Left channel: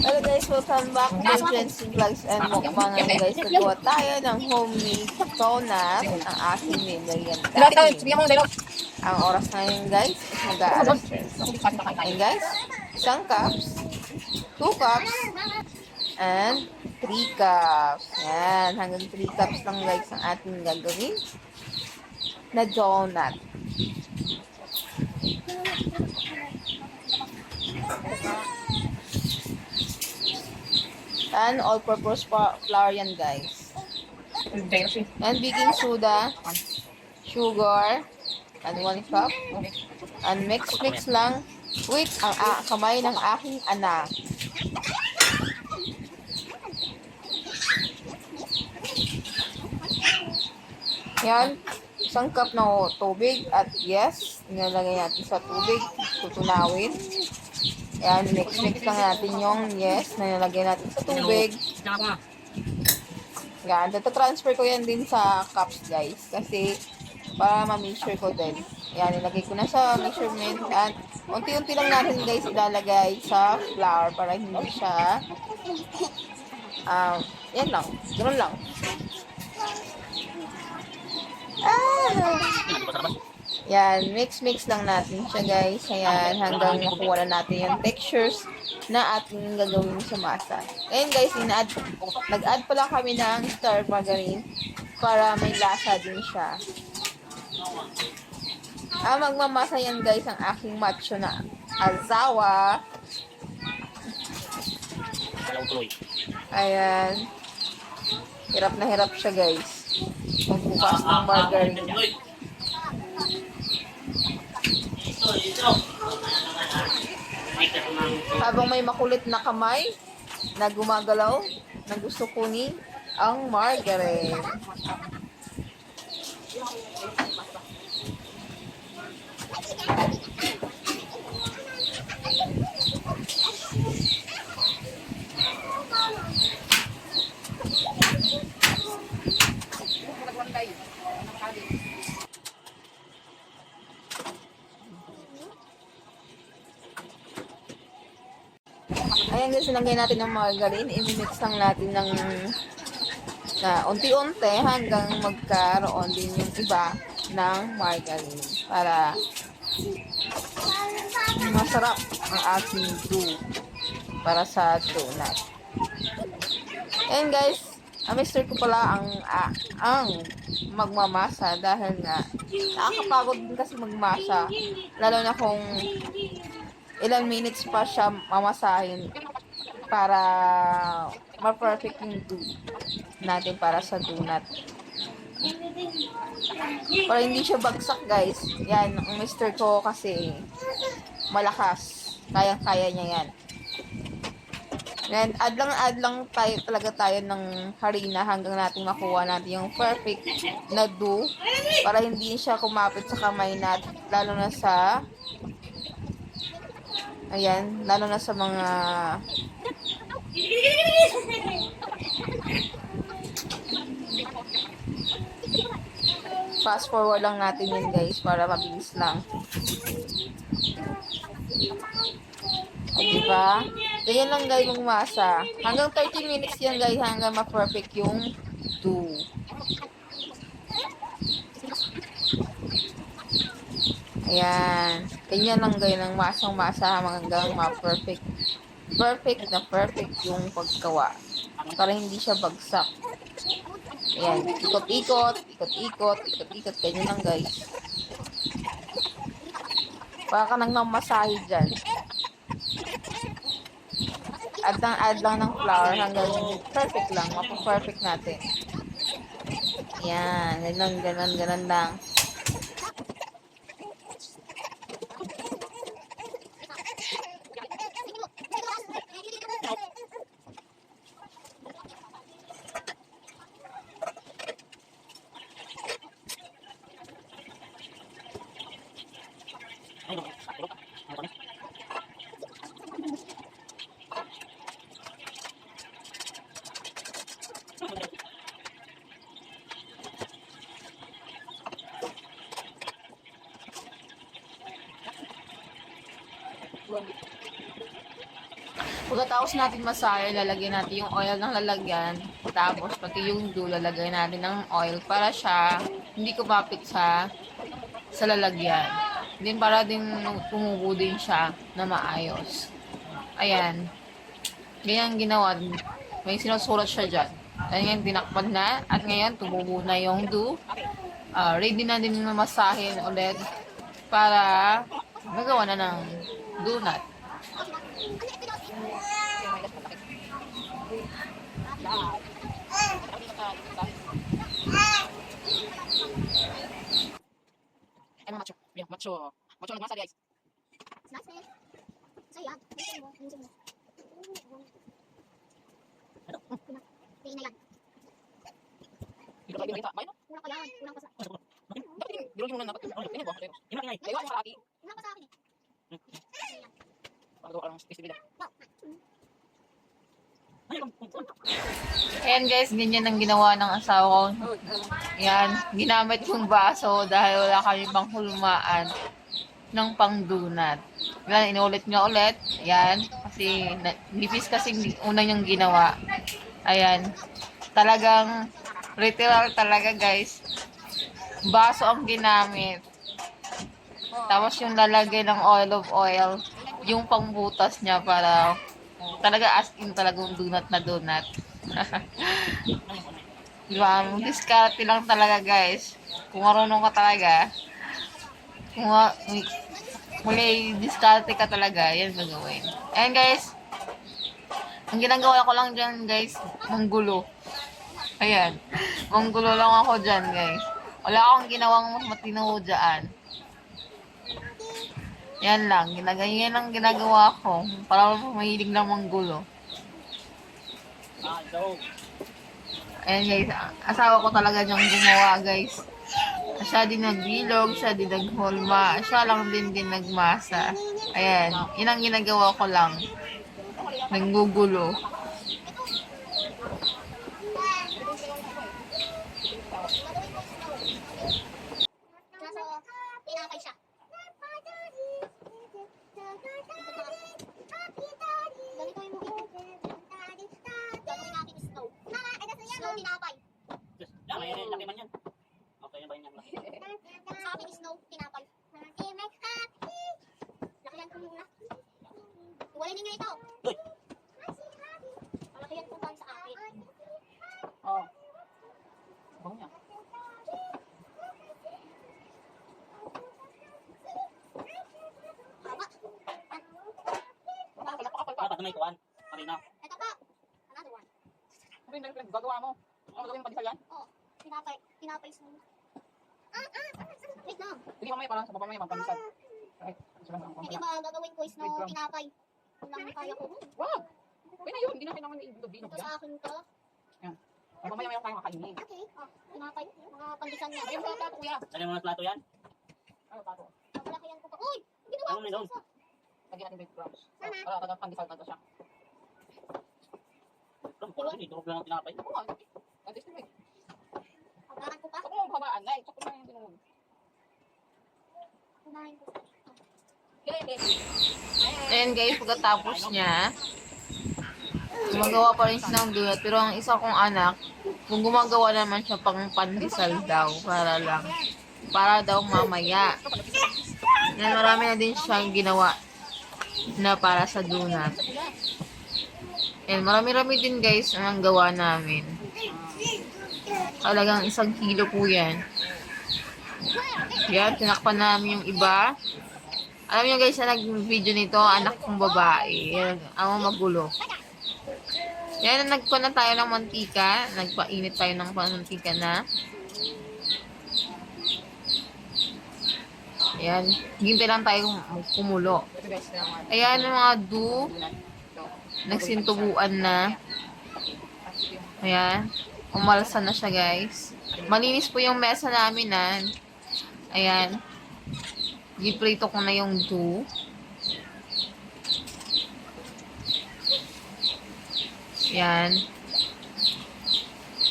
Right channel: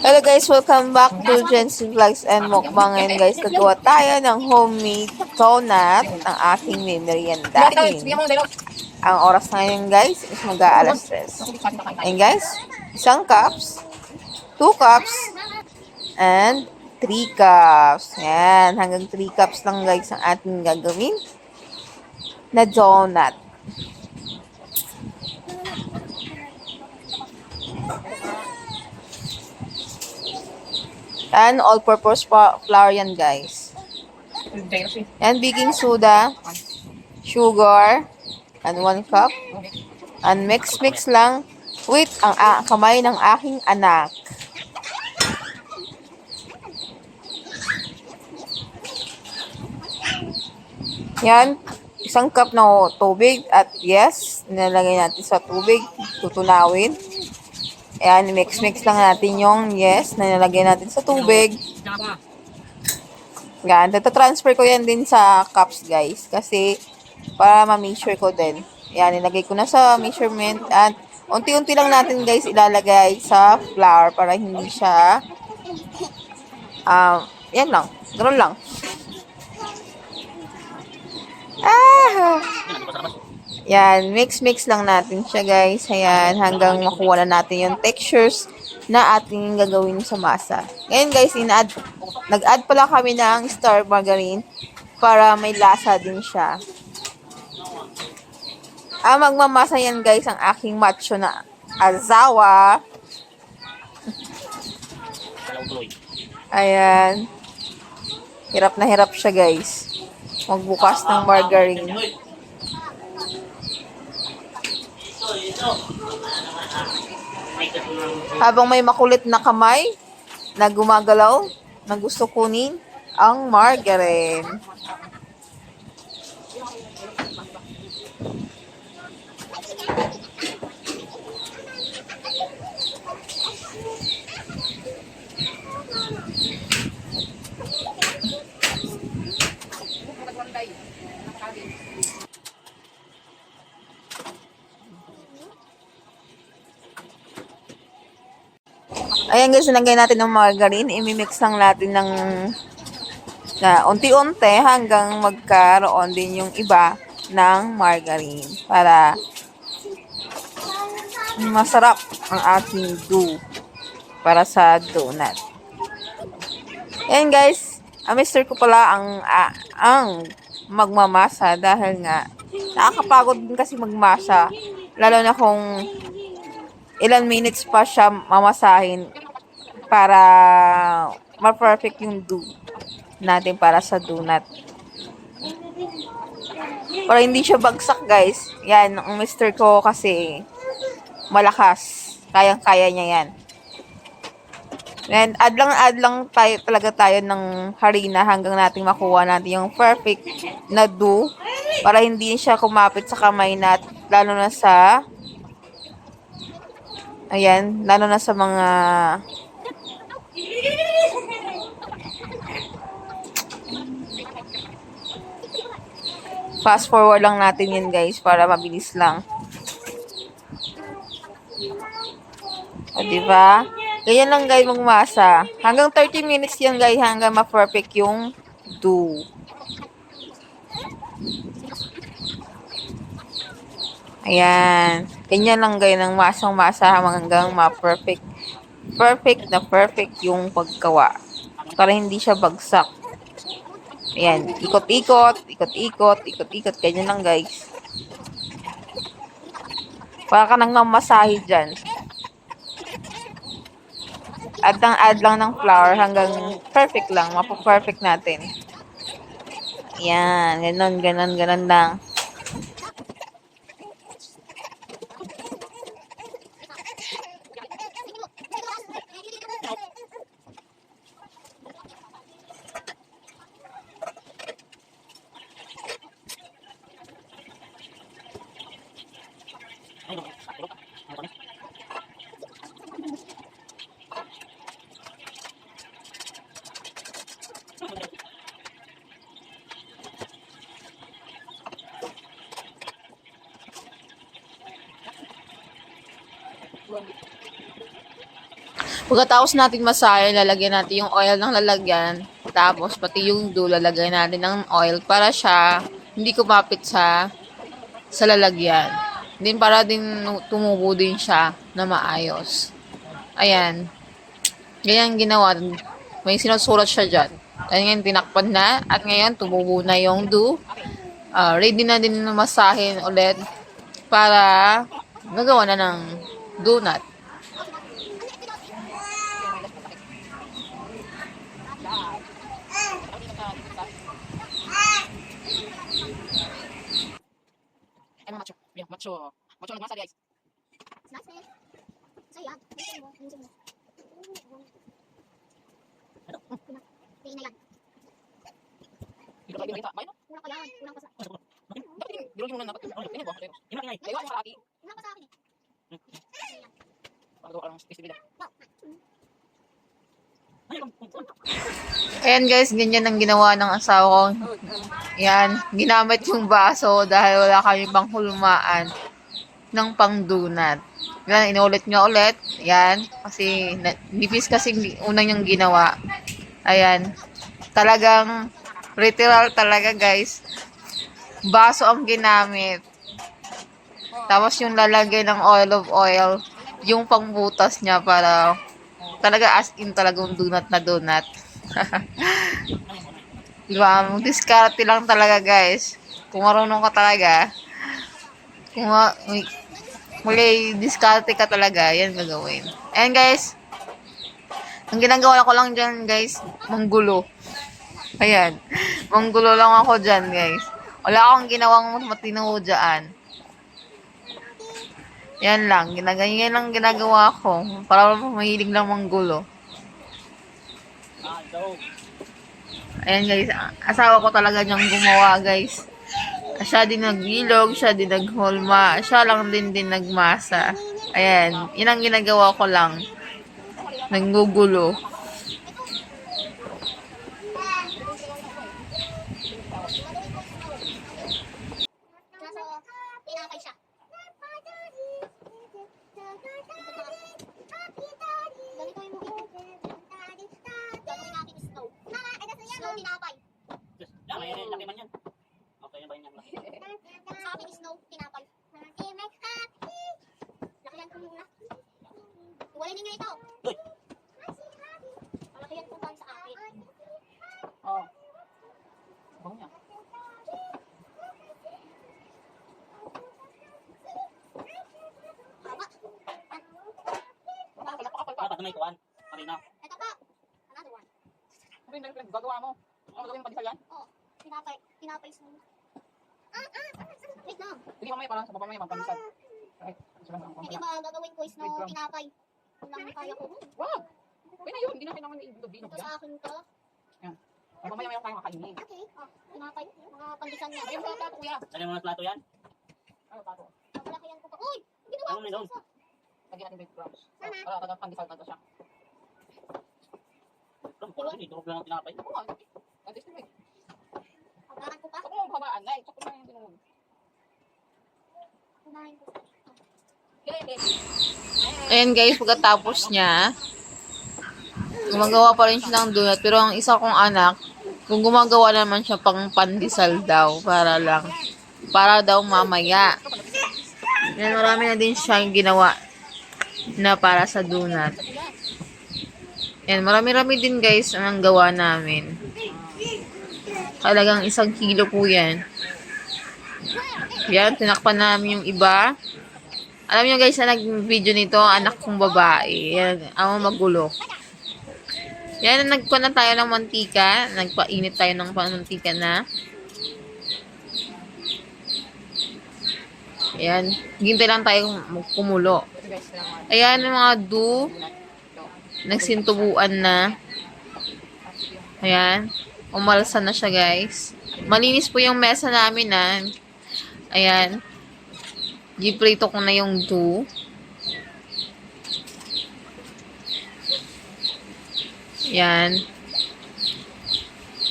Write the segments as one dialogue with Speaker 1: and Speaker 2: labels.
Speaker 1: Hello guys, welcome back to Jensen Vlogs and Mukbang. Ngayon guys, nagawa tayo ng homemade donut ng aking meriendahin. Ang oras ngayon guys is mag-aalas stress. And guys, isang cups, two cups, and three cups. Yan, hanggang three cups lang guys ang ating gagawin na donut. And all-purpose flour yan guys. And baking soda, sugar, and one cup. And mix-mix lang with ang a- kamay ng aking anak. Yan, isang cup ng tubig at yes, nilalagay natin sa tubig, tutunawin. Ayan, mix-mix lang natin yung yes na nilagay natin sa tubig. Yan, transfer ko yan din sa cups guys kasi para ma-make sure ko din. Yan, nilagay ko na sa measurement at unti-unti lang natin guys ilalagay sa flour para hindi siya um, yan lang, ganoon lang. Ah! Yan, mix-mix lang natin siya guys. Ayan, hanggang makuha na natin yung textures na ating gagawin sa masa. Ngayon guys, ina-add, nag-add pala kami ng star margarine para may lasa din siya. Ang magmamasa yan guys, ang aking macho na azawa. Ayan. Hirap na hirap siya guys. Magbukas ng margarine. Habang may makulit na kamay na gumagalaw na gusto kunin ang margarine. Ayan guys, nilagay natin ng margarine. I-mix lang natin ng na unti-unti hanggang magkaroon din yung iba ng margarine para masarap ang ating dough para sa donut. Ayan guys, ang mister ko pala ang ah, ang magmamasa dahil nga nakakapagod din kasi magmasa lalo na kung ilang minutes pa siya mamasahin para ma-perfect yung dough natin para sa donut. Para hindi siya bagsak, guys. Yan, ang mister ko kasi malakas. Kayang-kaya niya yan. And add lang, add lang tayo, talaga tayo ng harina hanggang natin makuha natin yung perfect na dough para hindi siya kumapit sa kamay natin, lalo na sa Ayan, lalo na sa mga fast forward lang natin yun guys para mabilis lang. O, diba? Ganyan lang guys magmasa. Hanggang 30 minutes yan guys hanggang ma-perfect yung dough. Ayan. Ganyan lang guys ng masang-masa hanggang ma-perfect. Perfect na perfect yung paggawa. Para hindi siya bagsak. Ayan. Ikot-ikot, ikot-ikot, ikot-ikot. Ganyan lang guys. Para ka nang mamasahe dyan. Add lang, add lang ng flour hanggang perfect lang. Mapaperfect natin. Yan. Ganon, ganon, ganon lang. Pagkatapos natin masayo, lalagyan natin yung oil ng lalagyan. Tapos, pati yung do, lalagyan natin ng oil para siya hindi kumapit sa, sa lalagyan. Din para din tumubo din siya na maayos. Ayan. Ganyan ginawa. May sinusulat siya dyan. Ayan, tinakpan na. At ngayon, tumubo na yung dough. Ah, ready na din na masahin ulit para gagawa na ng donut.
Speaker 2: Ay, mga macho. Macho nagmasa guys.
Speaker 3: Nice, man. Sa'yo yan. Ayusin mo. Mo. Tingin na yan.
Speaker 2: Dito tayo dito. May no?
Speaker 3: Kulang pa yan. Kulang pa sa...
Speaker 2: Dilogin mo na dapat. Ano, tingin ko. Ina ingay. Kaya sa aki.
Speaker 3: Kulang pa sa akin eh.
Speaker 2: Para gawa ng space nila.
Speaker 1: Ayan guys, ganyan ang ginawa ng asawa ko. Yan, ginamit yung baso dahil wala kami pang hulmaan ng pang donut. Yan, inulit niya ulit. Yan, kasi nipis kasi unang niyang ginawa. Ayan, talagang literal talaga guys. Baso ang ginamit. Tapos yung lalagay ng oil of oil, yung pangbutas niya para talaga as in talagang donut na donut. diba? Diskarte lang talaga guys. Kung marunong ka talaga, kung ma- muli diskarte ka talaga, yan gagawin. Ayan guys, ang ginagawa ko lang dyan guys, manggulo. Ayan, manggulo lang ako dyan guys. Wala akong ginawang matino dyan. Yan lang, ginaganyan lang ginagawa ko. Para mahilig lang manggulo.
Speaker 2: Ah.
Speaker 1: Ayan guys, asawa ko talaga niyang gumawa guys. Siya din nagbilog, siya din naghulma, siya lang din din nagmasa. Ayan, yun ang ginagawa ko lang. Nanggugulo.
Speaker 3: Nasa tinapay siya. Ganito yung movie. Gagawin natin snow. Snow tinapay.
Speaker 2: Yan, may laki man yan. Okay na ba yan? Laki.
Speaker 3: Sa akin snow tinapay. Lakihan ko muna. Iwalay ninyo ito.
Speaker 2: Uy.
Speaker 3: Malakihan ko ba sa akin?
Speaker 2: Oo. Bango niya.
Speaker 3: Haba.
Speaker 2: Napakapal pa. Dapat na may kuwan. Marina.
Speaker 3: Ito pa. Another one.
Speaker 2: Ano yung pinag- gagawa mo? Ano gagawin pa yan?
Speaker 3: Oh, tinapay. Tinapay snow. Ah, ah, ah, wait lang.
Speaker 2: Sige mamaya parang sa baba mamaya magpamisan. Okay. Sige lang.
Speaker 3: Hindi ba gagawin ko is no tinapay? Kung lang kaya ko.
Speaker 2: Wow! Okay na yun. Hindi na kailangan na ibilog-bilog
Speaker 3: Ito
Speaker 2: yan.
Speaker 3: sa akin to.
Speaker 2: Ay, mamaya mayroon tayong kakainin.
Speaker 3: Okay. Oh, tinapay. Mga pandisan niya.
Speaker 2: Ayun, mga plato kuya.
Speaker 4: Dali mo na plato yan.
Speaker 2: Ano plato?
Speaker 3: Paglakihan ko pa. Uy! Ginawa ko sa
Speaker 2: Lagyan natin breadcrumbs.
Speaker 3: Tama.
Speaker 2: Para tagang pandesal na siya.
Speaker 4: Ram, parang hindi. Durog lang ang tinapay.
Speaker 2: Least, like,
Speaker 3: Paglakan
Speaker 2: sakto na yung.
Speaker 3: Kunahin ko.
Speaker 2: Okay, baby.
Speaker 1: Ayan guys, pagkatapos niya, gumagawa pa rin siya ng donut. Pero ang isa kong anak, kung gumagawa naman siya pang pandesal daw, para lang, para daw mamaya. Yan, marami na din siya ginawa na para sa donut. Yan, marami-rami din guys ang gawa namin. Talagang isang kilo po yan. Yan, tinakpan namin yung iba. Alam niyo guys, na nag-video nito, anak kong babae. Yan, ang magulo. Yan, nagpa na tayo ng mantika. Nagpainit tayo ng mantika na. Ayan, hintay lang tayo kumulo. Ayan, mga do, nagsintubuan na. Ayan, umalsa na siya guys. Malinis po yung mesa namin na. Ayan. Giprito ko na yung do. Yan.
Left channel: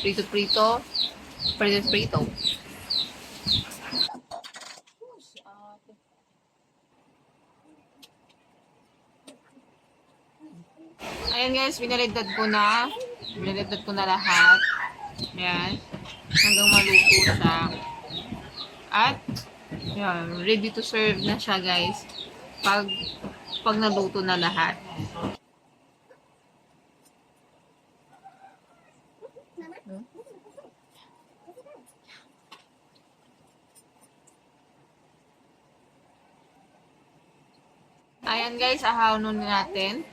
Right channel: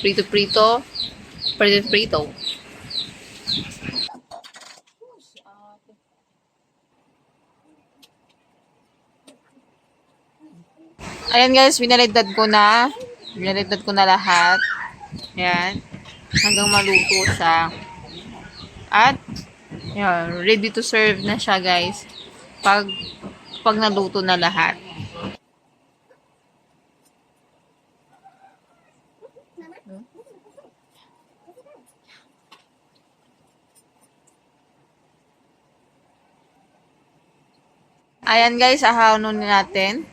Speaker 1: Prito-prito. Prito-prito. Ayan guys, binalidad ko na. Binalidad ko na lahat. Ayan. Hanggang maluto siya. At, yan, ready to serve na siya guys. Pag, pag naluto na lahat. Ayan guys, ahawin na natin.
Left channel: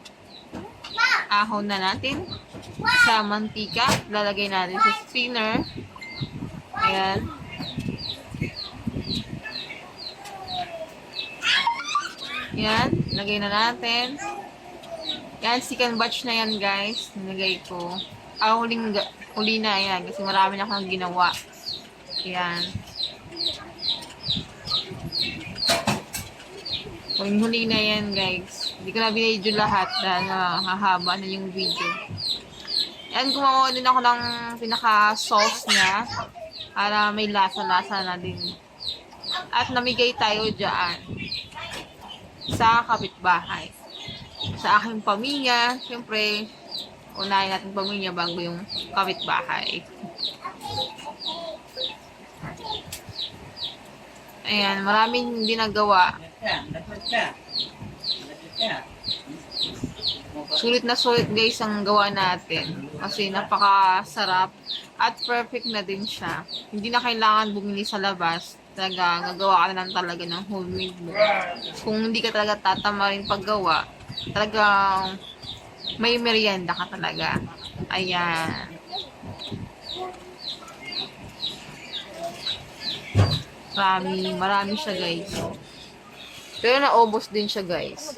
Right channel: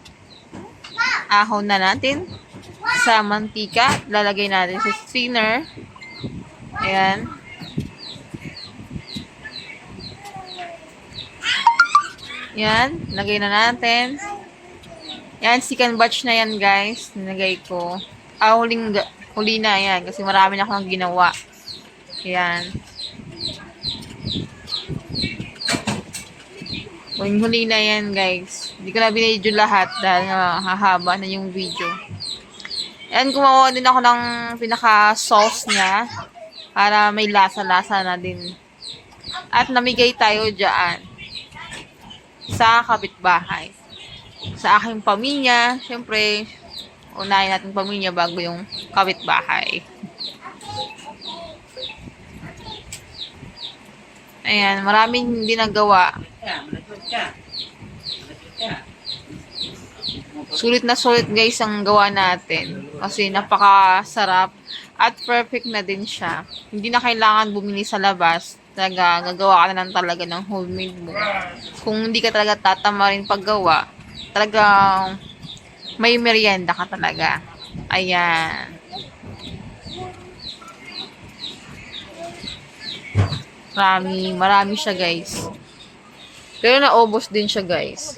Speaker 1: Ahon na natin sa mantika. Lalagay natin sa strainer. Ayan. Yan, lagay na natin. Yan, second batch na yan guys. Nilagay ko. Ah, huling, huli na yan. Kasi marami na akong ginawa. Yan. Huling huli na yan guys. Hindi ko na binidyo lahat dahil nga hahaba na yung video. Yan, gumawa din ako ng pinaka-sauce niya. Para may lasa-lasa na din. At namigay tayo dyan sa kapitbahay. Sa aking pamilya, syempre, unahin natin pamilya bago yung kapitbahay. Ayan, maraming hindi nagawa. Sulit na sulit guys ang gawa natin. Kasi napakasarap at perfect na din siya. Hindi na kailangan bumili sa labas. Talaga, gagawa ka na lang talaga ng homemade mo. Kung hindi ka talaga tatama rin paggawa, talagang may merienda ka talaga. Ayan. Marami, marami siya guys. Pero naubos din siya guys.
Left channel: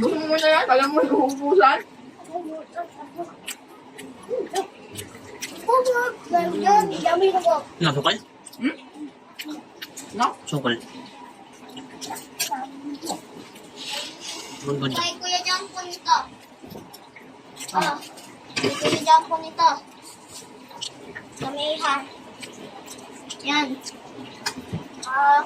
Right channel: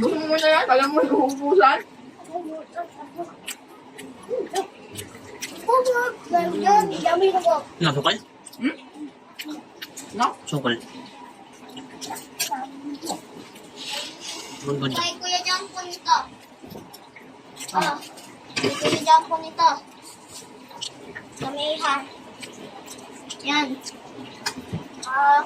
Speaker 2: Gusto mo na yan? Alam mo, uubusan?
Speaker 4: Ano, sukal?
Speaker 2: No?
Speaker 4: Sukal. Good, good.
Speaker 3: Kay Kuya Jampo nito. Oh, kay Kuya Jampo nito. Kami ha. Yan. Ah,